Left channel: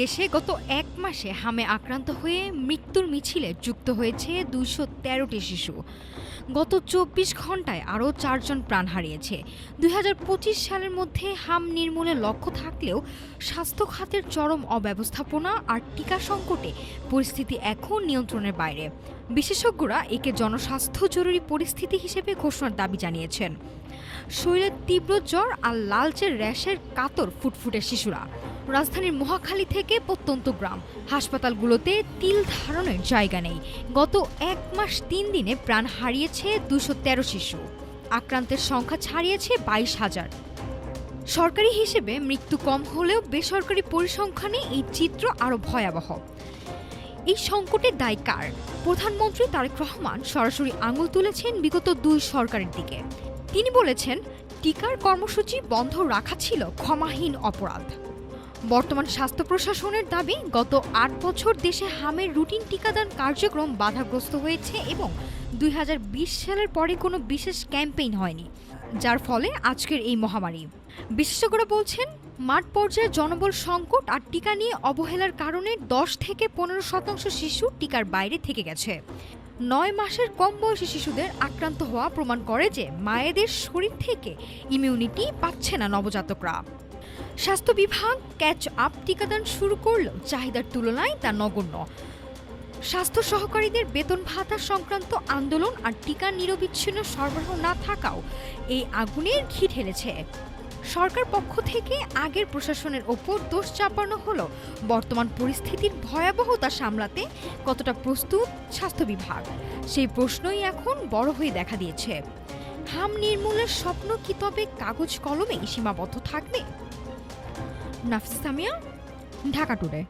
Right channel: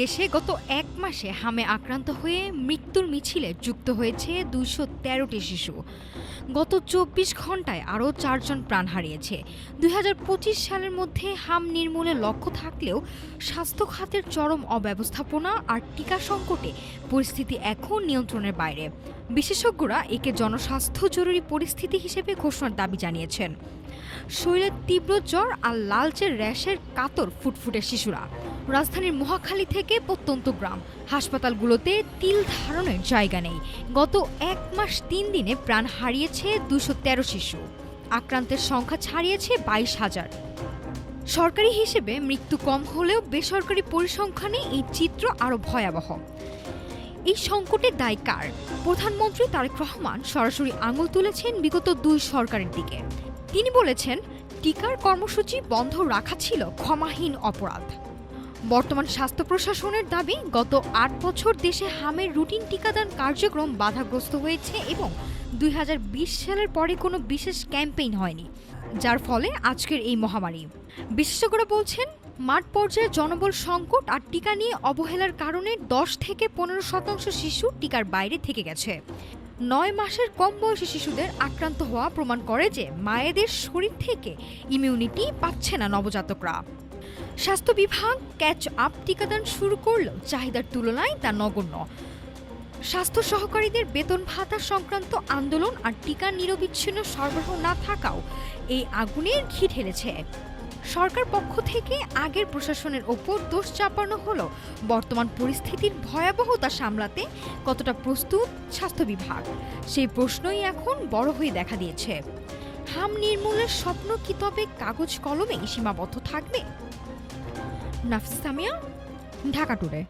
দেশে গত এক মাসে হামে আক্রান্ত হয়ে মৃত্যুর মিছিলে যুক্ত হয়েছে ২১৩টি শিশু। গত ২৪ ঘন্টায় আরও ৪ জন প্রাণ হারিয়েছে। ২০২৫ সালের মধ্যে হাম নির্মূলের লক্ষ্য থাকলেও স্বাস্থ্য খাতের চরম অব্যবস্থাপনা আর টিকা সংকটে পরিস্থিতি এখন নিয়ন্ত্রণের বাইরে। বিশেষজ্ঞরা একে জনস্বাস্থ্য জরুরি পরিস্থিতি হিসেবে ঘোষণার দাবি জানিয়েছেন। শরীরে তীব্র জ্বর আর লালচে র্যাশের কাতর ফুটফুটে শিশুরা। রাজধানীর মহাখালী থেকে প্রত্যন্ত গ্রাম হাসপাতালগুলোতে তিল ধারণের জায়গা নেই। গত এক মাস ৩ দিনে প্রাণ হারিয়েছে ২১৩ শিশু। আক্রান্তের সংখ্যা ছাড়িয়েছে ২২,০০০। সরকারি হিসেবে মৃত্যু কম হলেও বেসরকারি পরিসংখ্যানে এই চিত্র আরও ভয়াবহ। এই সংকটের দায় কার? প্রধানমন্ত্রী তারেক রহমান সরাসরি আঙুল তুলেছেন বিগত ২ সরকারের দিকে। তিনি বলেছেন, টিকার কর্মসূচি বন্ধ রাখা ছিল ক্ষমাহীন অপরাধ। বর্তমান স্বাস্থ্য প্রশাসনের দাবি, গত ৮ বছর দেশে হামের রুটিন টিকাদান কার্যক্রম বাধাগ্রস্ত হয়েছে এবং ২০২০ সালের পরে কোনো বিশেষ ক্যাম্পেইন হয়নি, যার ফলে আজকের এই মহামারী। বিশেষজ্ঞরা বলছেন, মাঠ পর্যায়ে জনবল সংকট আর টিকা নিয়ে অবহেলার কারণে ১০ থেকে ১৫% শিশু টিকার বাইরে থেকে গেছে। ৯ মাসের কম বয়সী শিশুদের আক্রান্ত হওয়া প্রমাণ করে যে মায়েদের শরীর থেকে ইমিউনিটি পাচ্ছে না নবজাতকরা। স্বাস্থ্য বিভাগ ক্যাচ আপ টিকাদান শুরু করলেও চাহিদার তুলনায় তা নগণ্য। স্বাস্থ্য সহকারীদের বেতন ভাতা সংক্রান্ত আন্দোলন আর টিকা নিরবিচ্ছিন্ন সরবরাহ না থাকাও এই আগুনের ঘি ঢেলেছে। সরকার পক্ষ থেকে আগের প্রশাসনের ওপর দোষ চাপানো হলো, বর্তমান পরিস্থিতির ভয়াবহতা সামলাতে কতটা প্রস্তুত স্বাস্থ্য বিভাগ, সেই প্রশ্নই এখন বড় হয়ে দেখা দিয়েছে। হাম নির্মূলের স্বপ্ন কি তবে কাগজ কলমে সীমাবদ্ধ থাকবে? নাফিস সামিয়া, ঢাকা টুডে।